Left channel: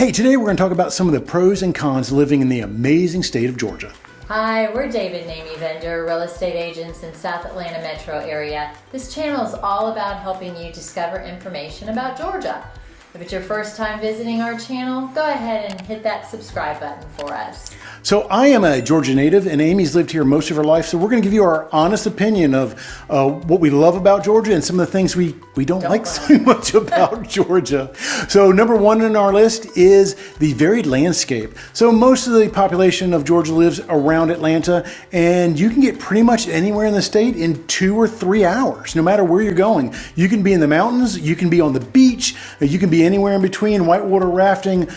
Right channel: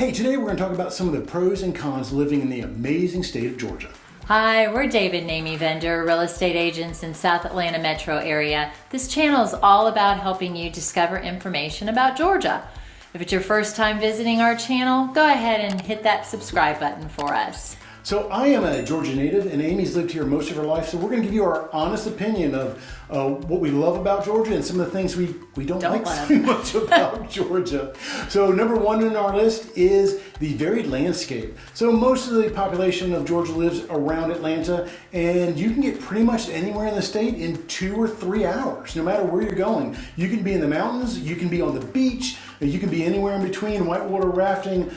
Hey, today we're going to talk about some of the pros and cons living in the amazing state of Georgia. Hi, we're David and Amy Vender, real estate agents in South Atlanta metro area. This channel is all about helping you discover information about Georgia. If it's your first time visiting our channel, go ahead and hit that subscribe button for us. So I am a Georgia native and Amy's lived here most of her life, so we're going to give you our honest opinion of what we love about Georgia and some of the things we don't like so much about Georgia. So number one on our list is the varied landscape. So most of the population of Georgia lives around Atlanta, and you can get pretty much anywhere in the state in 2 or 3 hours, no matter where you're going. You can be in the mountains, you can be on the beach, you can be anywhere in between, whitewater rafting,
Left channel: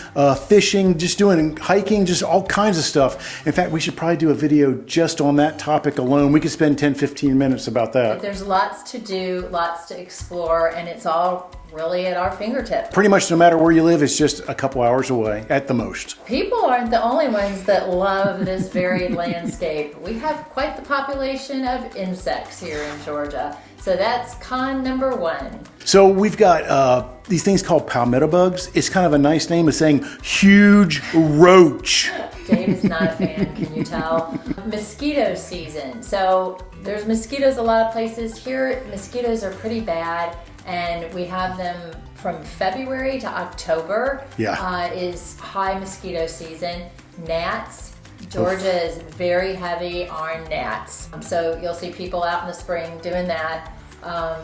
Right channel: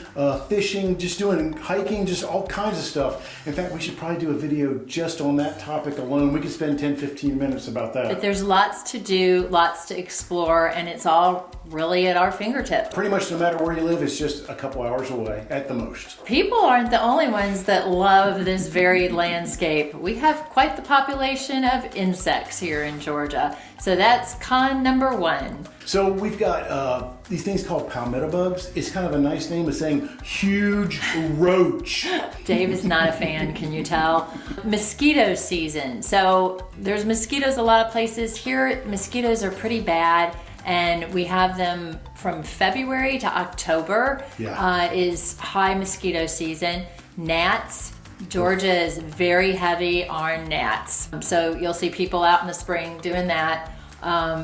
fishing, just doing hiking, just all kinds of stuff. In fact, we should probably do a video just on that topic alone. We could spend 10-15 minutes about that. But there's lots to do, lots to explore, and it's all really at our fingertips. Pretty much no matter where you live, it's just a couple hours away at the most. People aren't the only ones that love this varied landscape. We have quite the population of insects here in Georgia. So that's con number one. So we've got these things called palmetto bugs. It's kind of a nice name of saying huge roach. Dave is not a fan, can you tell? Mosquito season. So there's mosquitoes a lot of places. Here, mosquitoes are pretty bad, and we have them from February to October. Is high mosquito season. Gnats. Georgia is very heavy on gnats. So you'll see people out in the spring doing that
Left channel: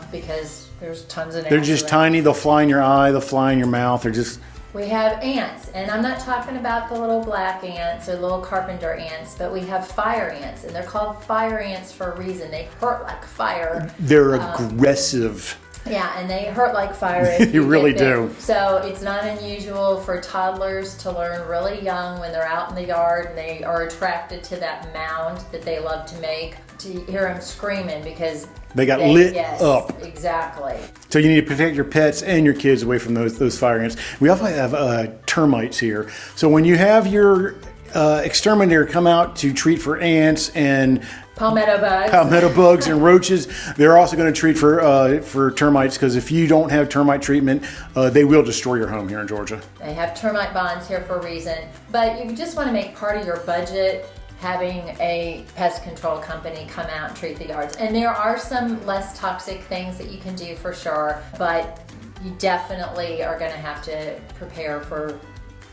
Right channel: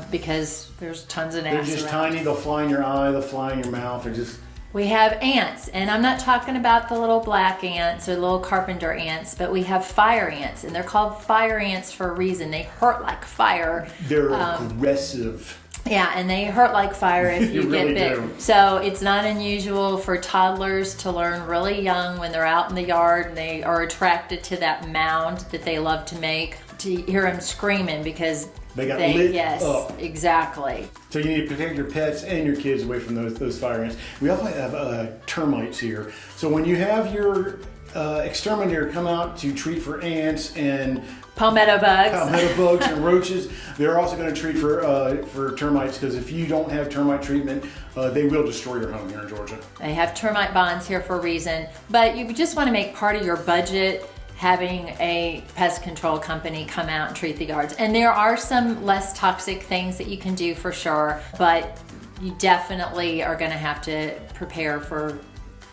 because there's tons of gnats. They're just tiny. They'll fly in your eye. They'll fly in your mouth. They're just... We have ants, and I'm not talking about the little black ants or little carpenter ants, but we have fire ants, and they're called fire ants for a reason. They hurt like fire. They're aggressive. Yeah, and they hurt like fire if you really get bit. do. So it's not unusual for toddlers to learn really young when they're out in the yard and they are attracted to that mound that they love to make, to hear them screaming because they got lit up. Exactly. So you need to protect your pets and your kids away from those fire ants. We also have termites here. So when you have your exterminator come out to treat for ants and palmetto bugs and roaches, they're also going to treat for termites, because if you don't have termite treatment, they will destroy your home here in Georgia. They have termite bonds here for a reason, but you just want to make part of your budget having a pest control company come out and treat the yards. And there are some less toxic things that you can do for sure, but you definitely are going to have to prepare for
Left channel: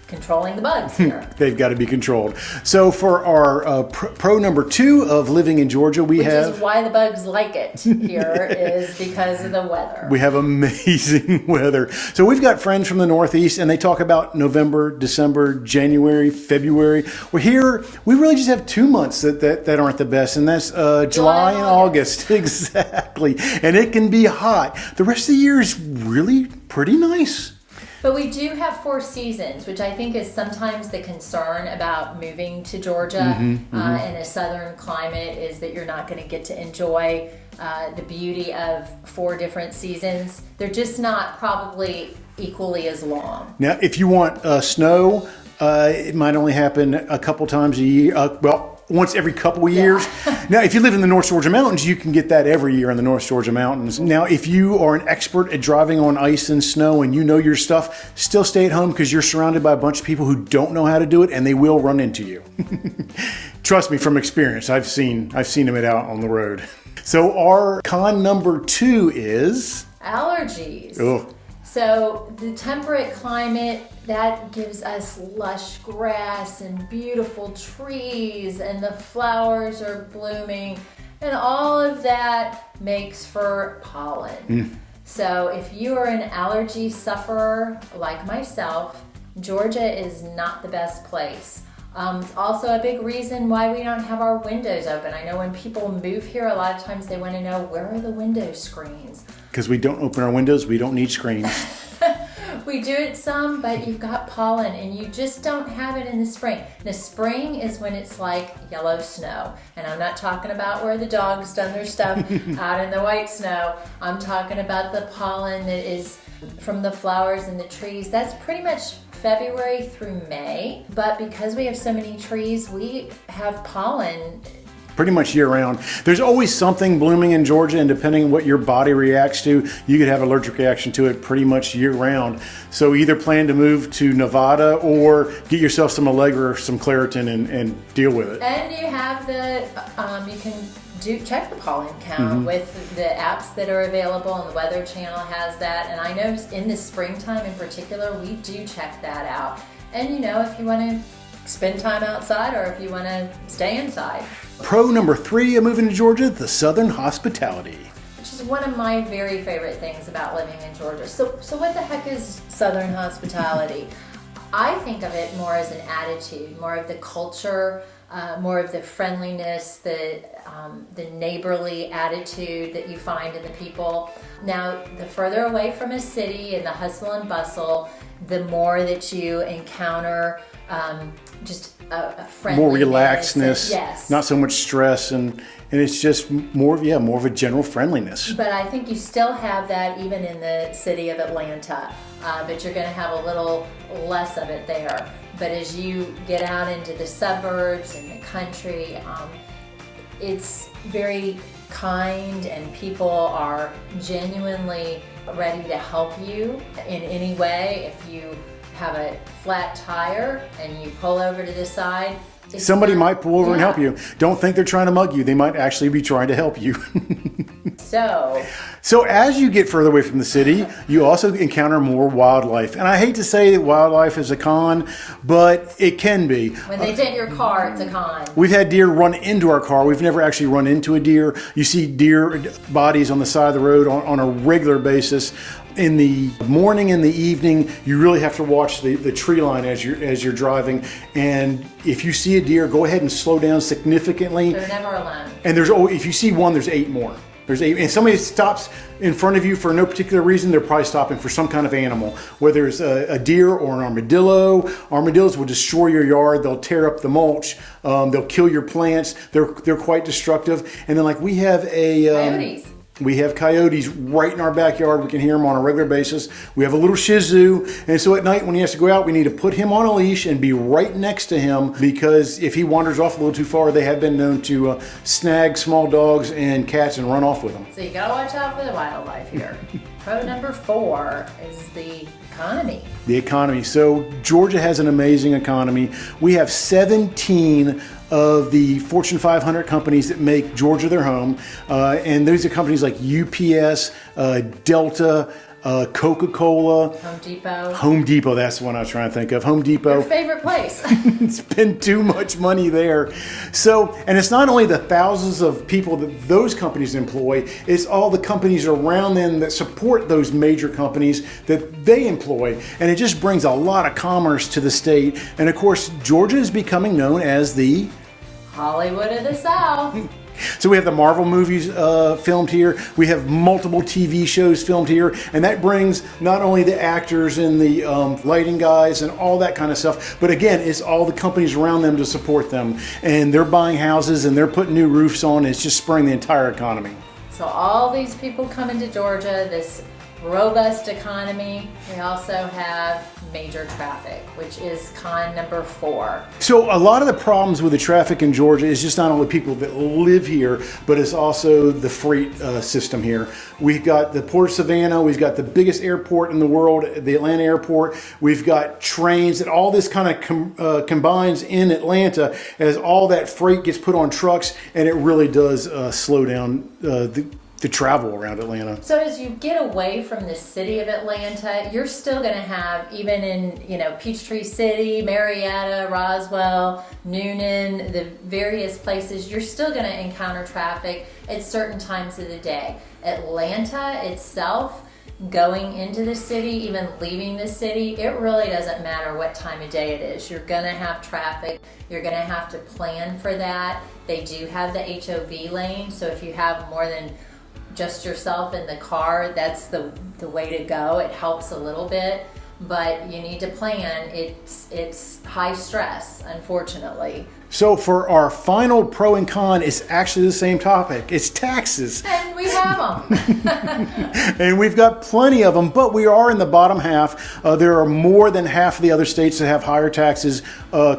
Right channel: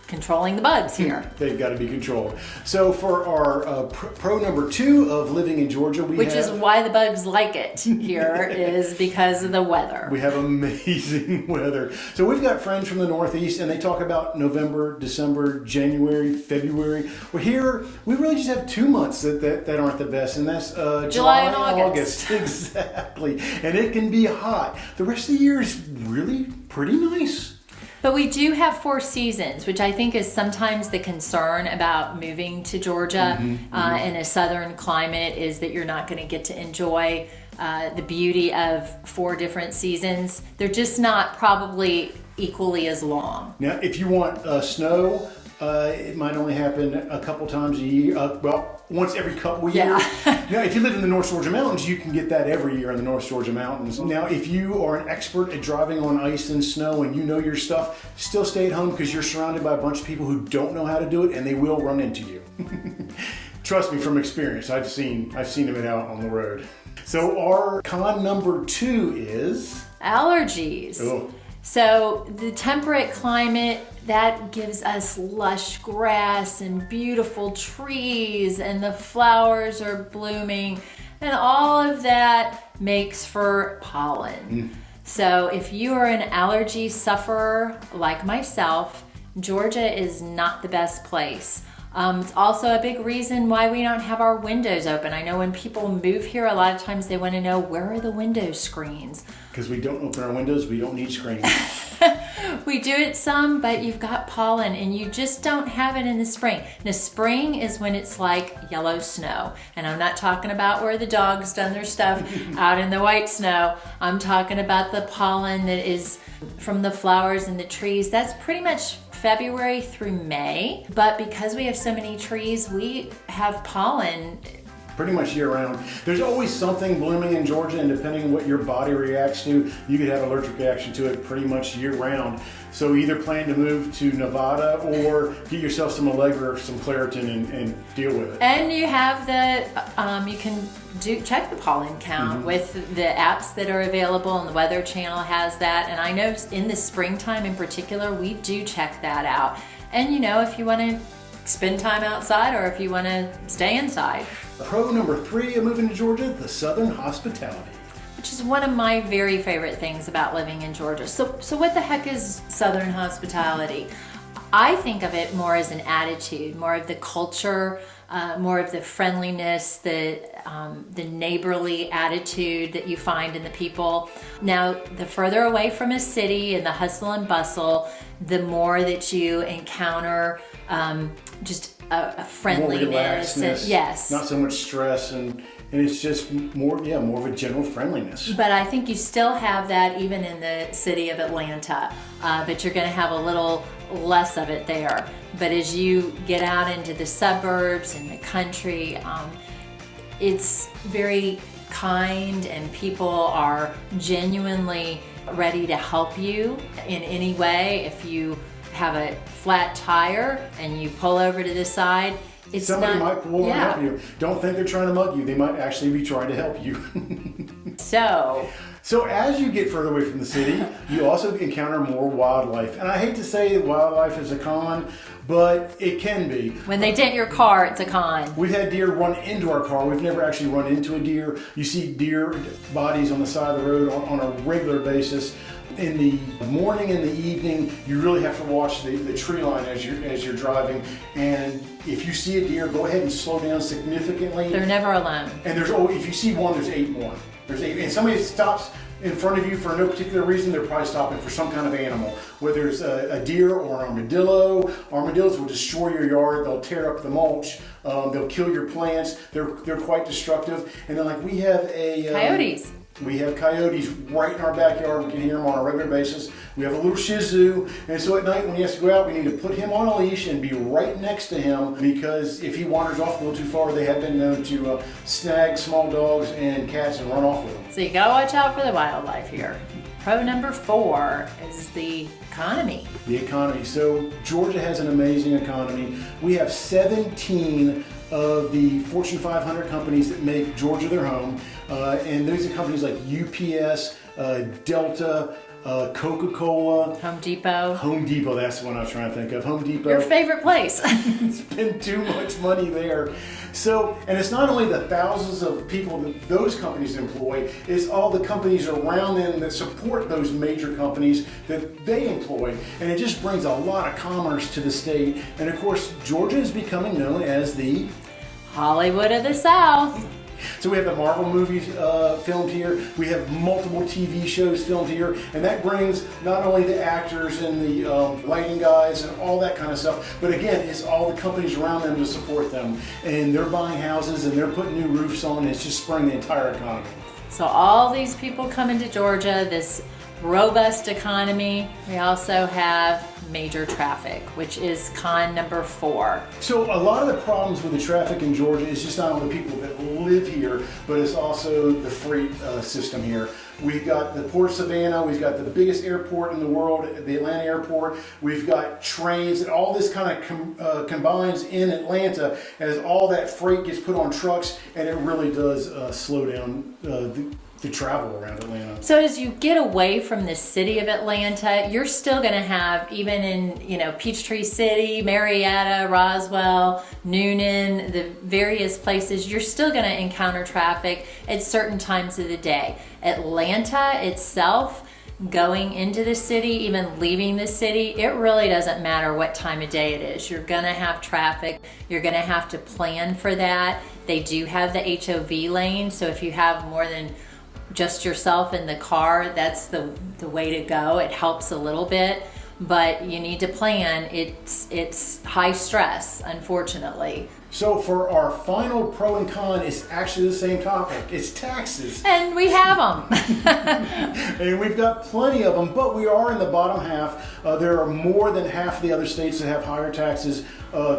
controlling the bugs here. They've got to be controlled. So for our pro number 2 of living in Georgia, Which is why the bugs like it here, is because of the weather. We have amazing weather. So we've got friends from the Northeast, and they talk about November, December, January, February. Well, here, we really just have 2 months that aren't the best, and that's July and August. Exactly. And it can be hot. The rest of the year is really pretty nice. But we do have 4 seasons, which I think is sometimes the concern about moving to Georgia in a southern climate, is that you're not going to get to enjoy the beauty of 4 different seasons. They're just not probably equally as long. Now, if you want snow, it might only happen a couple times a year. Once every couple of years. Now, if you live in the North Georgia Mountains, you can get that every year in the North Georgia Mountains. Now, if you are an expert at driving on ice and snow and you know your stuff, still stay at home, because you're surrounded by a bunch of people who don't know how to do it, and they will run into you. Trust me, from experience, I've seen them out on the road. So our con number 2 is allergies. Oh. So the temperate climate, that gives us lush grass and beautiful trees, and the flowers are blooming, and all of that makes for pollen. So if you are an allergy sufferer like myself, Georgia is not the best place. It's also a big reason why we don't have our windows open. I know when people move here, a lot of times they want to know, where are the window screens? Because we don't open our windows, we don't need screens. We do it some, but you've got pollen, and you just don't have it in the spring. The spring is when it's like yellow snow. And I'm not talking about where the dog's done their stuff out in the white snow. I'm talking about the pollen that is from the flowers and the trees. That's pretty much February through May. But because we have so many trees, we have pollen pretty much year round. There's always something blooming in Georgia, and depending on what your body reacts to, you could have an allergic reaction to it pretty much year round. So either plan to move to Nevada or get yourself some Allegra or some Claritin and deal with it. And you have you can check the pollen count with the apps that are available, and the Weather Channel has that. And I know in the springtime in particular, we do check that out. And if you want to spend time outside or if you want to stay inside. Pro number 3 of moving to Georgia, the Southern hospitality. Which is one of my very favorite things about living in Georgia. So what the heck is Southern hospitality? I think of it more as an attitude, more of the culture, more of the friendliness, the neighborly attitude that you find in the people. Now, the further away from a city and the hustle and bustle, the more that you encounter just a friendliness. More relaxedness. Yes. Not so much stress, and it's just more of a general friendliness. But I think you still have that even in the city of Atlanta, but you're going to have a little less of it there. But as you get out into the suburbs and the country, it's very kind, and people are genuinely ready to help you in any way. If you have a flat tire and you pull over to the side, somebody might pull over and help you. Don't think they're trying to mug you. They might actually be trying to help you. So as you get further away from the city, you also encounter more wildlife. And I hate to say that wildlife is a con, but it can be. When they dent your car, it's a con. We've had deer run into our car. We've never actually run into a deer. You see deer bodies on the side of the road on a regular basis. In the morning and the evening, you really have to watch the tree line as you're driving. And if you see a deer, go ahead and slow down significantly. They're never alone. And if you see one, there's 8 more. There's 8, and somebody stops in front of you for no particular reason, they're probably stopping for some kind of animal, whether it's a deer or an armadillo. Armadillos will destroy your yard. They'll tear up the mulch. They'll kill your plants. They're quite destructive. And then we have coyotes. We have coyotes right in our backyard. We can hear them on a regular basis. We have a little Shih Tzu. And so at night when he has to go out, we need to put him on a leash and be right next to him, because if he wanders off a little too far, they have been known to snag small dogs and cats and run off with them. So you gotta watch out for the wildlife here. Pro number 4 is the economy. The economy. So Georgia has an amazing economy. We have 17 of the Fortune 500 companies that make Georgia their home. And those are companies like UPS, Delta, Coca-Cola. Home Depot, that's the one I was trying to think of. Home Depot. Your favorite place. Spend too much money there. So, and it's not only the thousands of people that those companies employ, it's all the companies around them that support those major companies that they employ. And it just brings a lot of commerce to the state. And of course, Georgia is becoming known as the Hollywood of the South. So we have the Marvel movies filmed here. We have multiple TV shows filmed here. And that brings not only the actors and the lighting guys and all that kind of stuff, but again, it's all the companies around them to support them. And they're buying houses and they're putting new roofs on. It's just spurring the entire economy. So all these people come into Georgia, this robust economy. We also have major traffic, which is con number 4. So a lot of the problems with the traffic in Georgia is just not only people that live here, but it's also the freight system here. We've got the Port of Savannah, we've got the biggest airport in the world, the Atlanta airport. We've got trains, and all this kind of combines in Atlanta as all that freight gets put on trucks, and it really does slow down the travel around Atlanta. So as you get away from the city of Atlanta, you're still going to have, even in Peachtree City, Marietta, Roswell, Newnan, the various places, you're still going to encounter traffic at certain times of the day. Atlanta itself, going into the city, even leaving the city, it really doesn't matter what time of day it is. You're going to have traffic. You're going to have to plan for that. They do have the HOV lane, so if you have more than just yourself in the car, that's the way to go. It helps a little bit. but you need to plan. It's high stress, unfortunately. So for our final pro and con, it's actually the same topic. It's taxes. And we have them. And we've got plenty of them, but we are in the bottom half. There are more than half of the other states that have higher taxes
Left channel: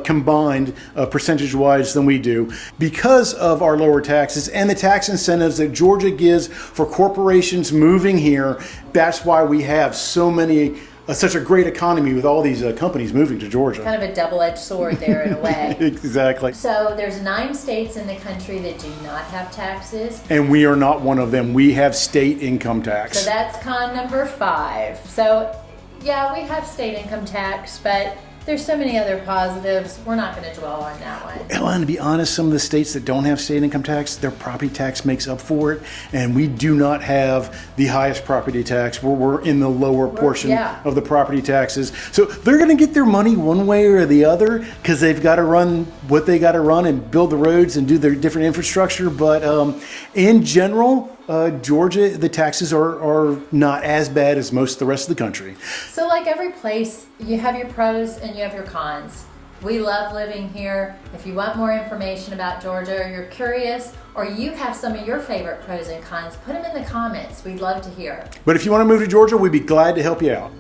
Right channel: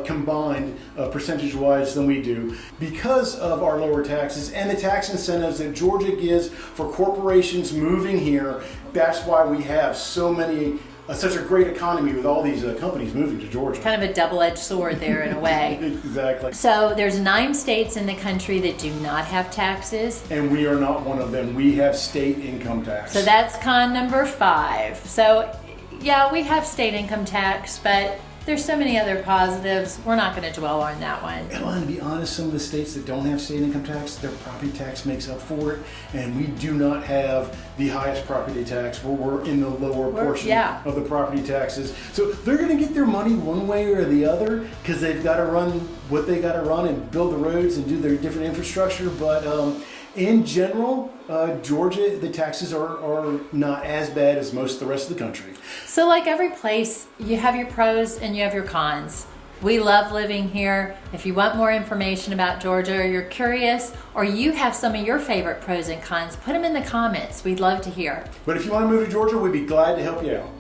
combined percentage-wise than we do because of our lower taxes and the tax incentives that Georgia gives for corporations moving here. That's why we have so many such a great economy with all these companies moving to Georgia. Kind of a double-edged sword there in a way. Exactly. So there's 9 states in the country that do not have taxes. And we are not one of them. We have state income tax. So that's con number 5. So yeah, we have state income tax, but there's so many other positives. We're not going to dwell on that one. And to be honest, some of the states that don't have state income tax, their property tax makes up for it. And we do not have the highest property tax. We're in the lower portion of the property taxes. So they're going to get their money one way or the other because they've got to run what they got to run and build the roads and do their different infrastructure. But in general, Georgia, the taxes are not as bad as most of the rest of the country. So like every place, you have your pros and you have your cons. We love living here. If you want more information about Georgia, or you're curious, or you have some of your favorite pros and cons, put them in the comments. We'd love to hear. But if you want to move to Georgia, we'd be glad to help you out.